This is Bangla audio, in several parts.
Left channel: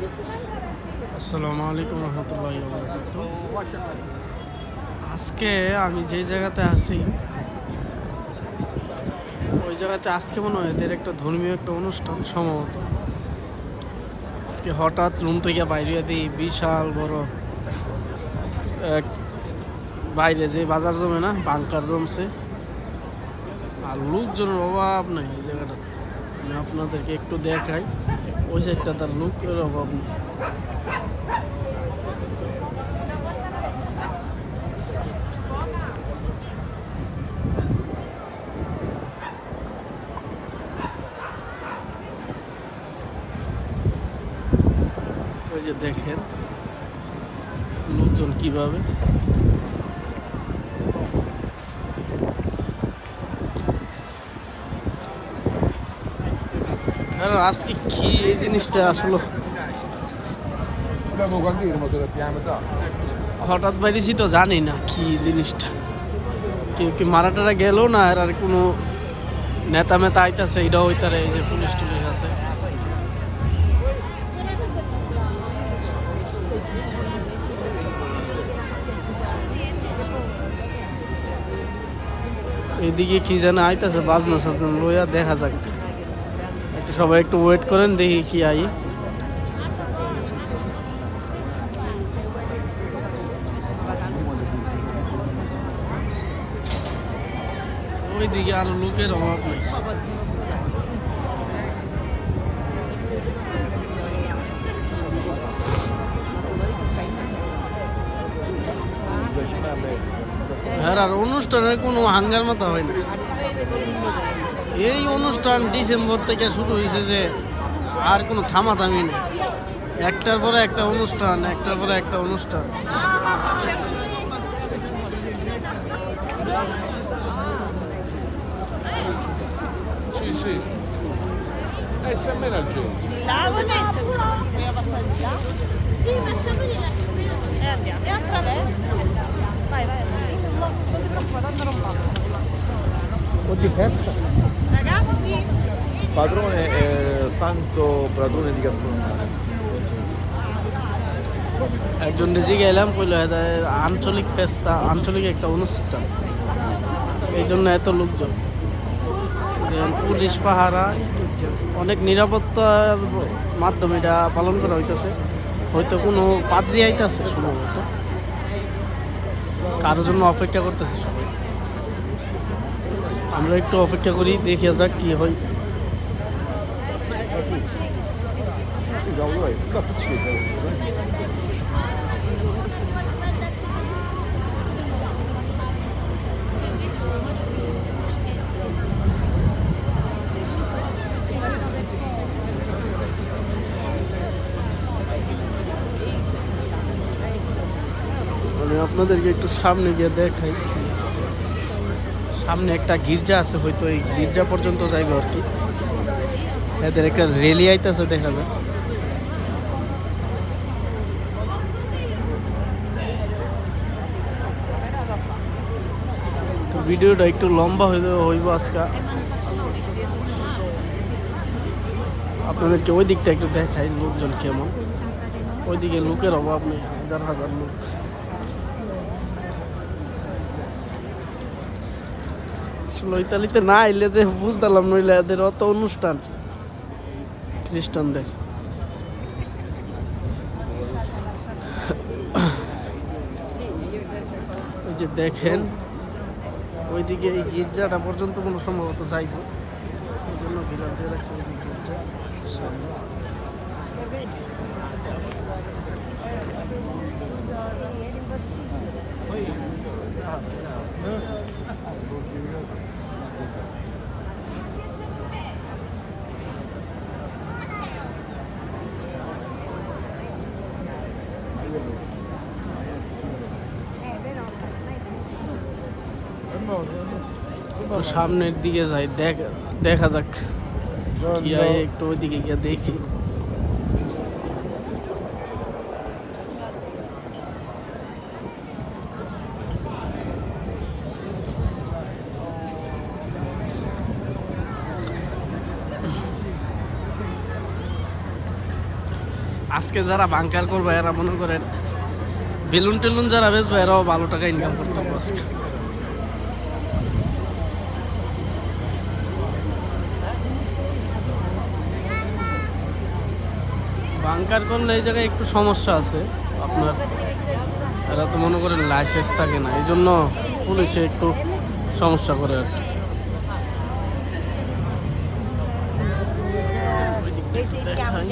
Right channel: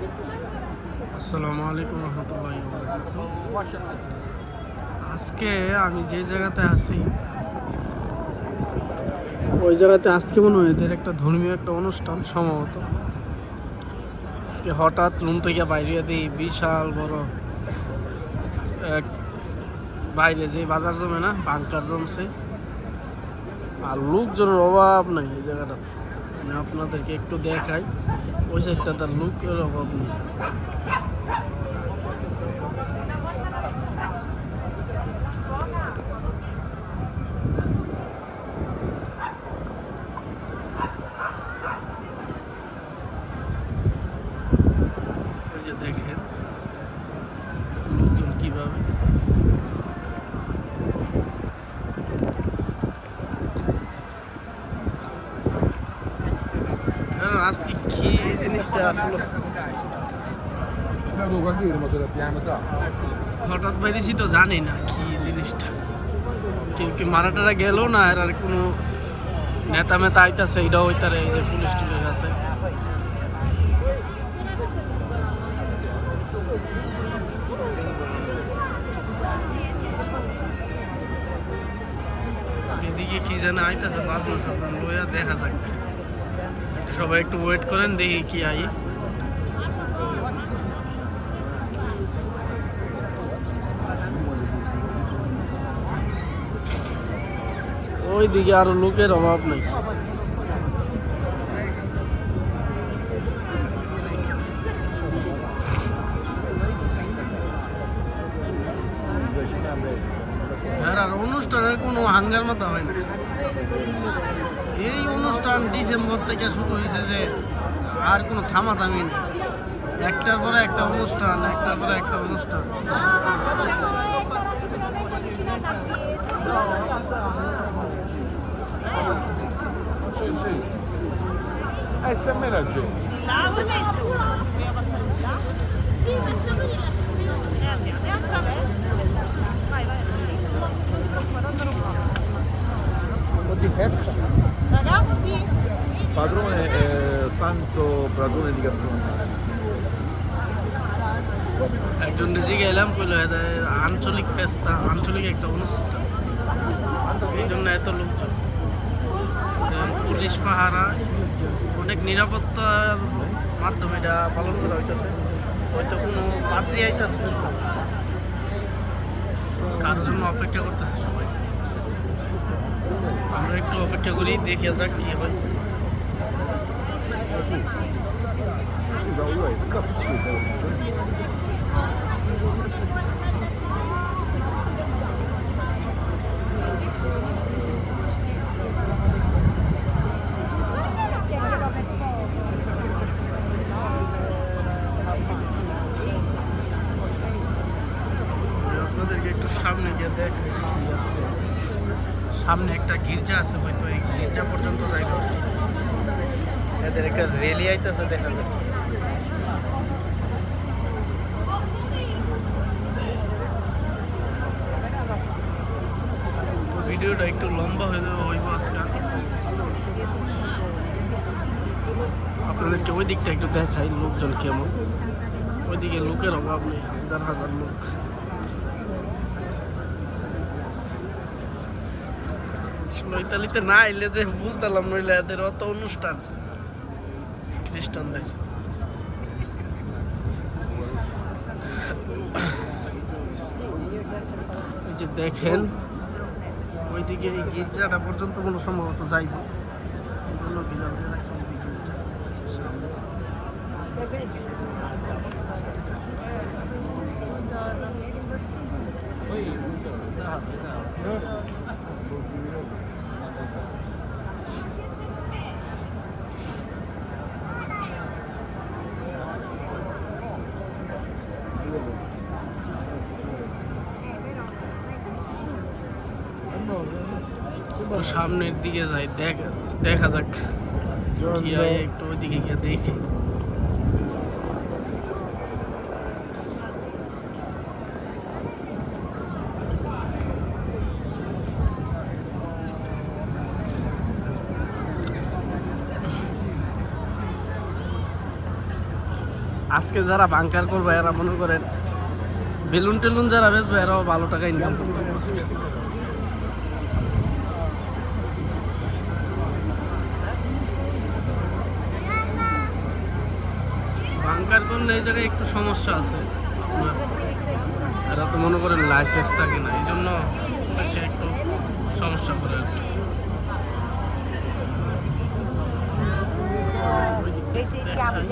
আসসালামু আলাইকুম রহমতুল্লাহি ওয়া বারাকাতুহু। আজকে আমি যে জায়গাতে আছি ওই জায়গাতে আজকে মনে হয় এদের একটা ধর্মীয় একটা অনুষ্ঠান সম্ভবত। আজকে হঠাৎ রুম থেকে বাইরে দিই বিশাল বড় এক বাইরে যে বাজার জমে না বাংকার জমছে, আর লোকজনের অভাব নাই এই জায়গাটা। আমি আপনাদেরকে একটু দেখাই, ওই সাইডটা তার লোকের অভাব নেই। ওই যে দেখেন লোকজন কিভাবে। আজকে কি এই জিনিসটা আসলে হঠাৎ বাইরেছি তো জানি না কি জিনিসটা। কেউ কি মারাটারা গেল না, আর কোনো নেতা মেতা আইতাছে এটাও হইতারে। এই যে পুলিশ টুলিশ আছে, এইদিকে কি যেন আইতাছে বাজনা সাজন লইয়া। দেখা যাক, সবাই একটু ওয়েট করেন, দেখি কি আই। ওইদিকে আরো লোকের অভাব নেই। হ্যাঁ, আর অনুষ্ঠানের কোনো হাঙ্গার মাথা হয় না। এই অনুষ্ঠান ডিসেম্বর থেকে শুরু হয়েছে, যে আর কোনো থামাথামি নেই। একটার পরে একটা অনুষ্ঠান, একটার পরে একটা অনুষ্ঠান। Ragazzi, Padrone Santo Padrone di gastronomia. একজন নিজে গেলাম, কইলো আঞ্চলিক ফেস্তা, আঞ্চলিক একটা অনুষ্ঠান, এই জন্য এত লোকজন। পুলিশ পাহারা, অনেক নিরাপত্তার মাধ্যমে এটা পালন করা হইতেছে। হয়তো কোনো পাদ্রী আইতেছে, কারোর জন্য অপেক্ষা করতেছে সবাই। আমরা একটু অপেক্ষা করি, দেখে যাক কি হয়। আমি আপনাদেরকে একটু সামনে গিয়ে দেখাই কি আছে। সামনে একটা গির্জা আছে, হয়তো এই গির্জা পর্যন্ত যাইব আর কি। এদের একটা রেলি আইতেছে দেখা যাচ্ছে। তো ভিডিওটা একটু লম্বা হইব আজকে। আপনাদেরকে ওই দিকটা একটু দেখাই লোকজন কেমন। ওইদিকে লোকের অভাব নেই, হাজার হাজার লোক। ইতালিতে না আইলে যে বুঝতাম, নইলে এদের অত অনুষ্ঠান খ্রিস্টানদের। ওই যে দেখেন ওইদিকে এই গির্জাটা পর্যন্ত কোনো সম্ভবত যাইব, এই জন্য বিড়াল দিয়ে রাখছে গির্জা সামনে। সামনের দিকে যাই, দেখা যাক কি হয়। একটু ওইদিকে গিয়ে দেখি। আজকে যারা বাংকার করবে এরা মনে করেন বেলুন টেলুন যারা বেচবে এরাও ভালো টাকা ইনকাম করতে পারবো আজকে। বাংকার করলে এই জায়গায় একটু সমস্যা আছে আপনার, এরা তো মনে করেন লাইসেন্স থাকে না, এই জন্য পুলিশে একটু সমস্যা করে আর কি। ওই দিকটা একটু দেখাই।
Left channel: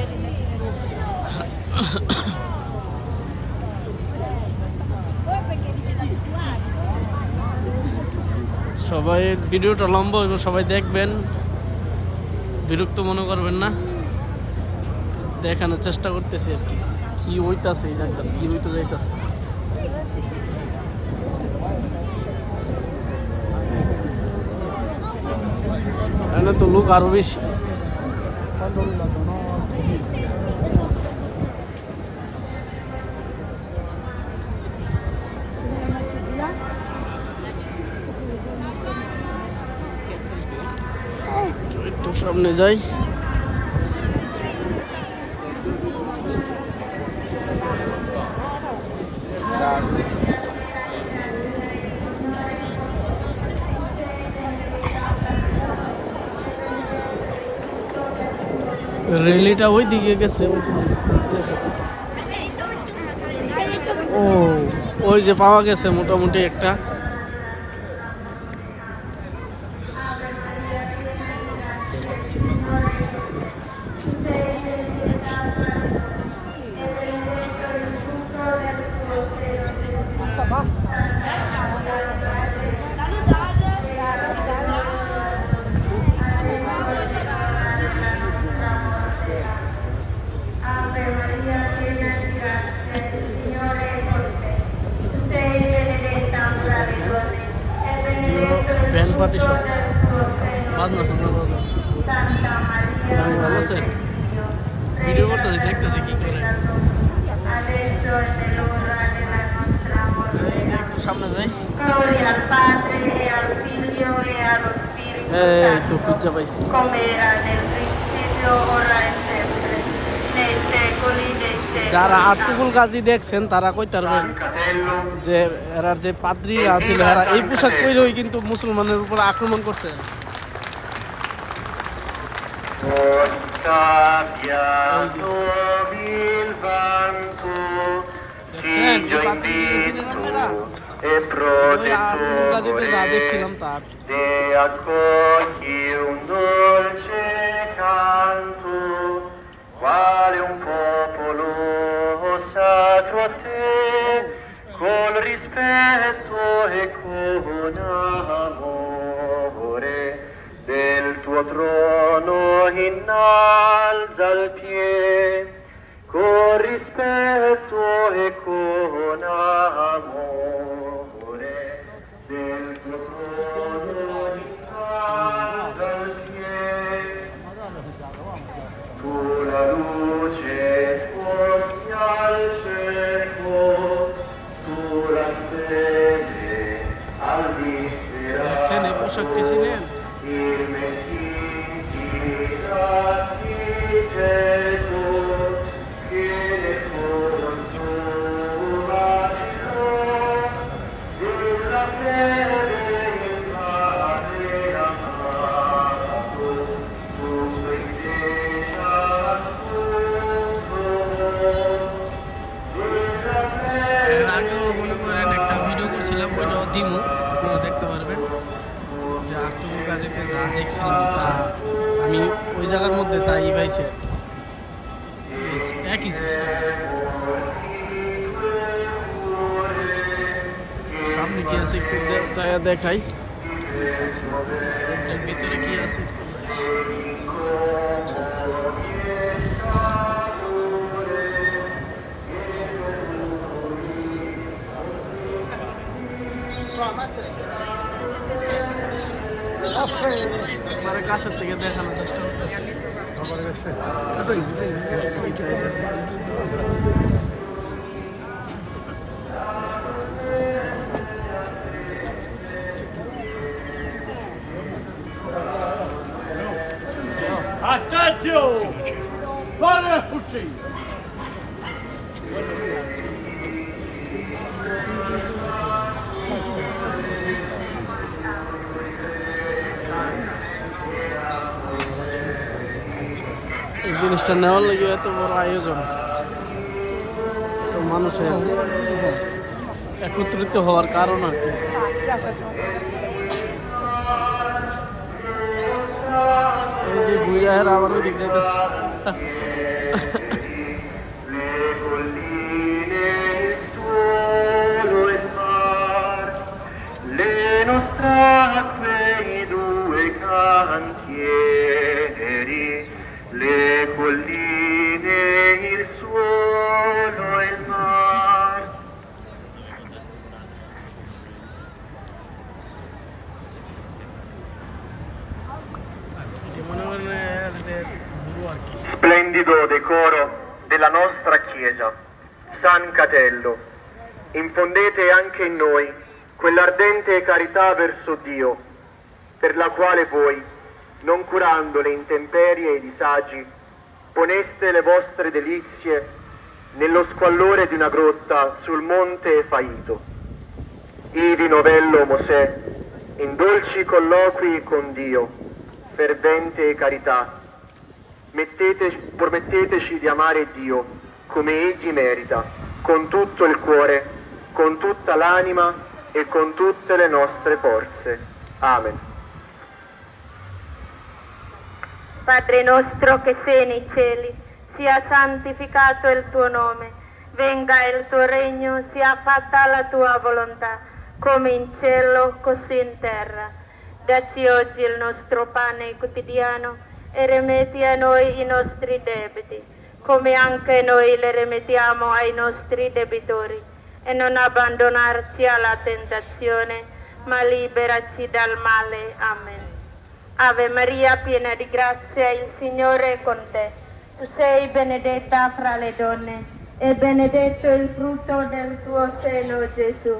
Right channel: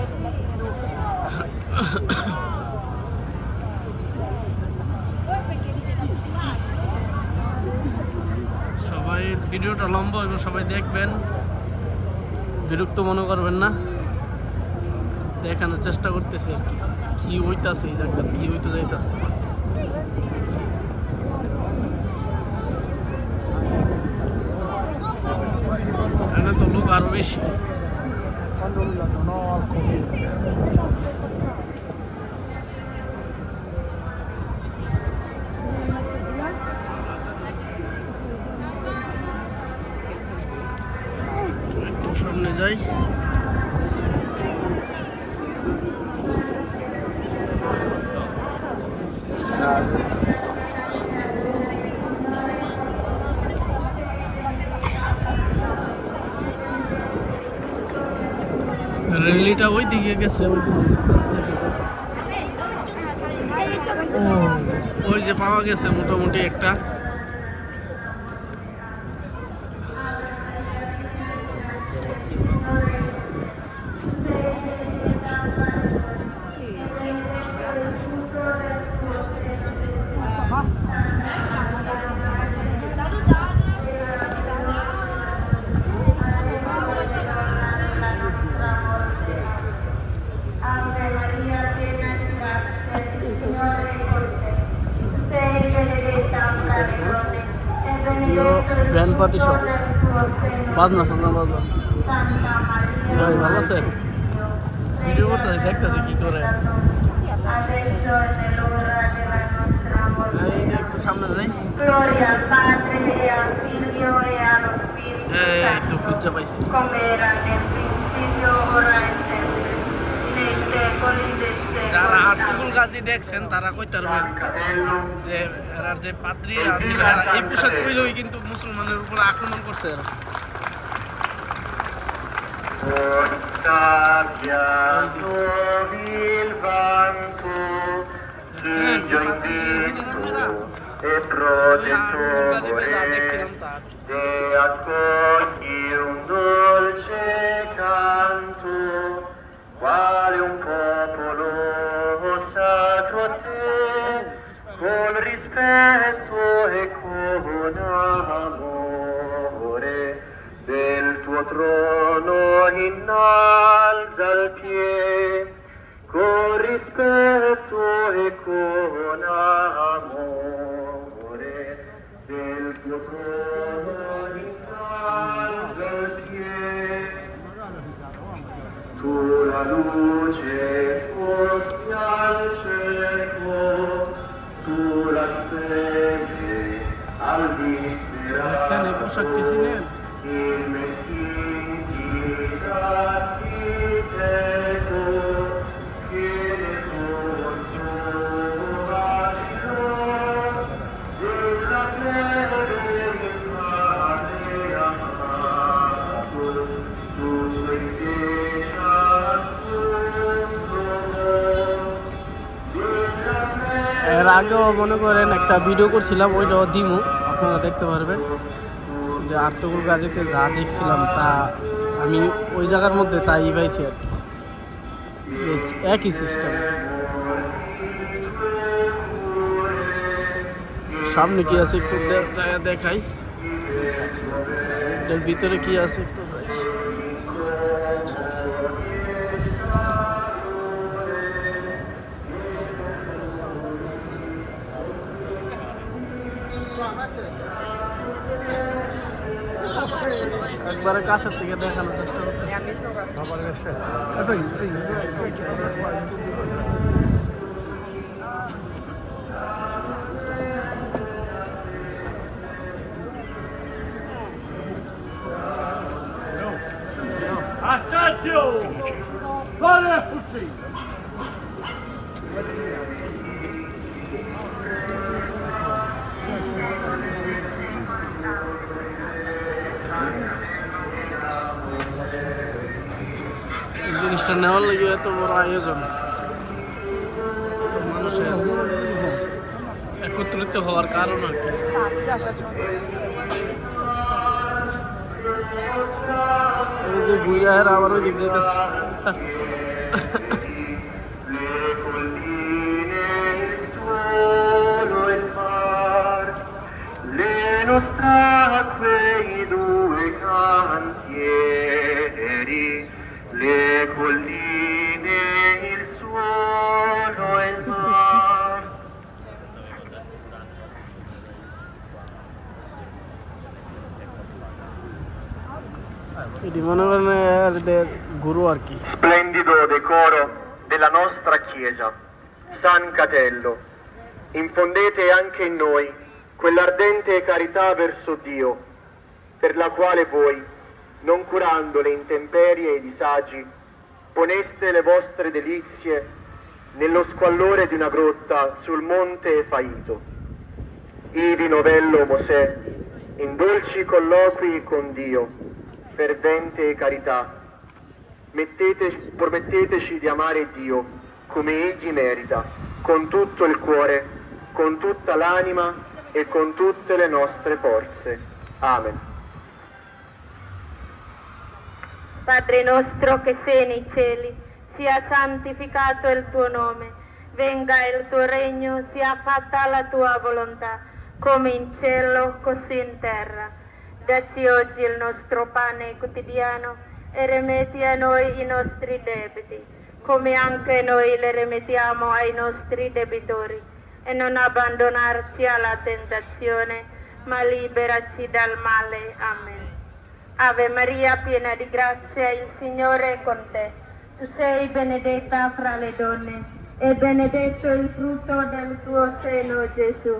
সবাই ভিডিওটা লম্বা এবং সবাই দেখবেন, বিরক্ত মনে করবেন না, দেখানোর চেষ্টা করতেছি আর কি কি হইতাছে এই জায়গা, কি হইতে যাইতাছে। এখানে তো লোক আরো বেশি। একটু সামনে যাই। রেলিটা ওই দিকে গেছে, ও ওই যে পাওয়া গেছে মোটামুটি একটা। ভ্যান পার্টি সব বাজনা সাজনা বাজা। ভাই ভালো আছেন? ভিডিও করতেছি, দেখতেছি কি করে। এই যে একটু সামনে যাই। এই তো খুঁজা পাইছি। যারা আর্তুকুল গাজী দেখছেন তারা কইতে পারবেন যে এরার যে পাদ্রী আছিল এরা এই পোশাক পরেই কিন্তু মুসলমানের উপর আক্রমণ করছে এরা। দেখছেন এই পাদ্রী ছিলেন এরা, ওই আর্তুকুল গাজীতে যা দেখছিলাম তার। Quale un popolo sacro a te, con rispetto e con amore, del tuo trono innalza il piede, con rispetto e con amore, del tuo trono innalza il piede. Tu la luce porti al cerco, tu la spegni al দেখছেন এই disperato, পোশাকটি ছিলেন il Messia architetto, che ne consuma della fede in pace amato, tu এর আগেও মনে করেন একটা ভিডিও করছিলাম, ওইটাও দিমু, আপনারা দেখতে পারবেন যে আর্তুকুল গাজীতে যা দেখছিলাম তা আমি ওই জায়গার মধ্যে তাই পাইছি আর কি, একই সিস্টেম। সামনে কি আছে একটু দেখাই, এর ভিতরে কি আছে একটু যাই। একবারে কাছের থেকে দেখানোর চেষ্টা করতেছি। Attenzione! Fare fucile! এই জিনিসটা নেওয়ার লাগে এত বড় আয়োজন, তো মানুষের একত্রিত হওয়ার কারণ আর কি। এই যে গুইরাহের আবার ওই দিক যাইতেছে। le colline, il suolo e il mar, le nostre acque, i due cantieri, le colline, il suolo e il mar. এটি মনে করেন এদের গুরু আর কি। Splendido decoro della nostra Chiesa, San Catello, infondete anche in noi quell'ardente carità verso Dio, per la quale voi, non curando le intemperie e i disagi, poneste le vostre delizie nello squallore di una grotta sul monte Faito. Ivi novello Mosè, in dolci colloqui con Dio, fervente carità, prometteteci di amare Dio come Egli merita, con tutto il cuore, con tutta l'anima e con tutte le nostre forze. Amen. Padre nostro che sei nei cieli, sia santificato il tuo nome, venga il tuo regno, sia fatta la tua volontà, come in cielo così in terra. Dacci oggi il nostro pane quotidiano e rimetti a noi i nostri debiti, come anche noi le rimettiamo ai nostri debitori, e non abbandonarci alla tentazione, ma liberaci dal male. Amen. Ave Maria, piena di grazia, il Signore è con te. Tu sei benedetta fra le donne, e benedetto il frutto del tuo seno, Gesù.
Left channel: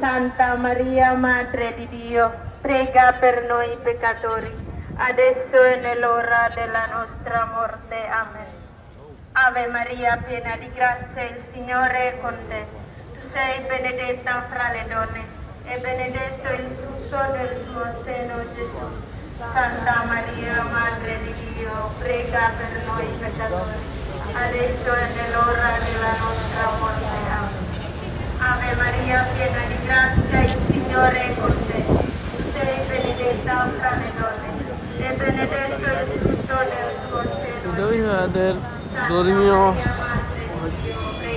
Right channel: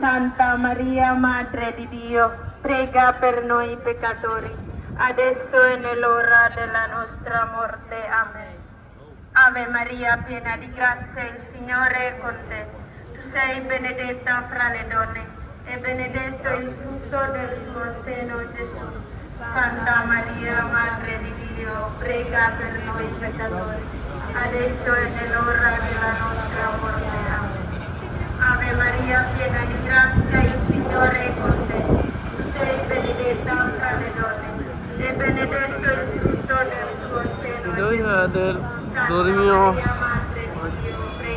Santa Maria, Madre di Dio, prega per noi peccatori, adesso e nell'ora della nostra morte. Amen. Ave Maria, piena di grazia, il Signore è con te. Tu sei benedetta fra le donne, e benedetto il frutto del tuo seno, Gesù. Santa Maria, Madre di Dio, prega per noi peccatori, adesso e nell'ora della nostra morte. Amen. Ave Maria, piena di grazia, il Signore è con te. Tu sei benedetta fra le donne, e benedetto il frutto del tuo seno. এটাই এদের ধর্মীয়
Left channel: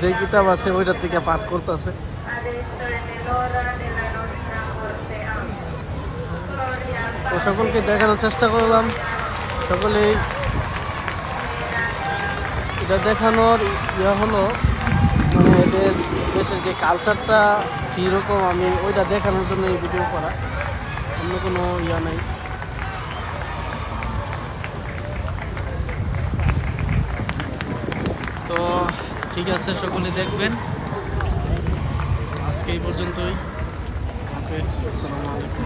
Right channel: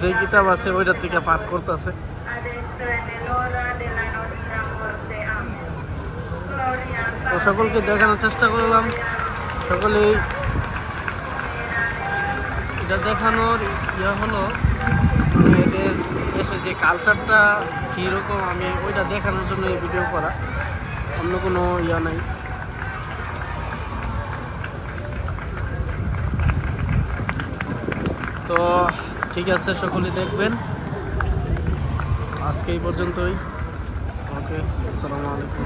যে কিতাব আছে ওইটা থেকে পাঠ করতেছে। Adesso e nell'ora della nostra morte. Amen. Gloria al তো সকলকে দেখানোর চেষ্টা করলাম, সকলেই এটা দেখানোর হলো মানে এদের দেশের যে কালচারটা কীরকম, আমি ওইটা দেখানোর জন্য এই ভিডিও করা, অন্য কোনো নাই। তো ঠিক আছে, সকলে দেখবেন। আজকে এই পর্যন্তই। ওকে, আসসালামু আলাইকুম।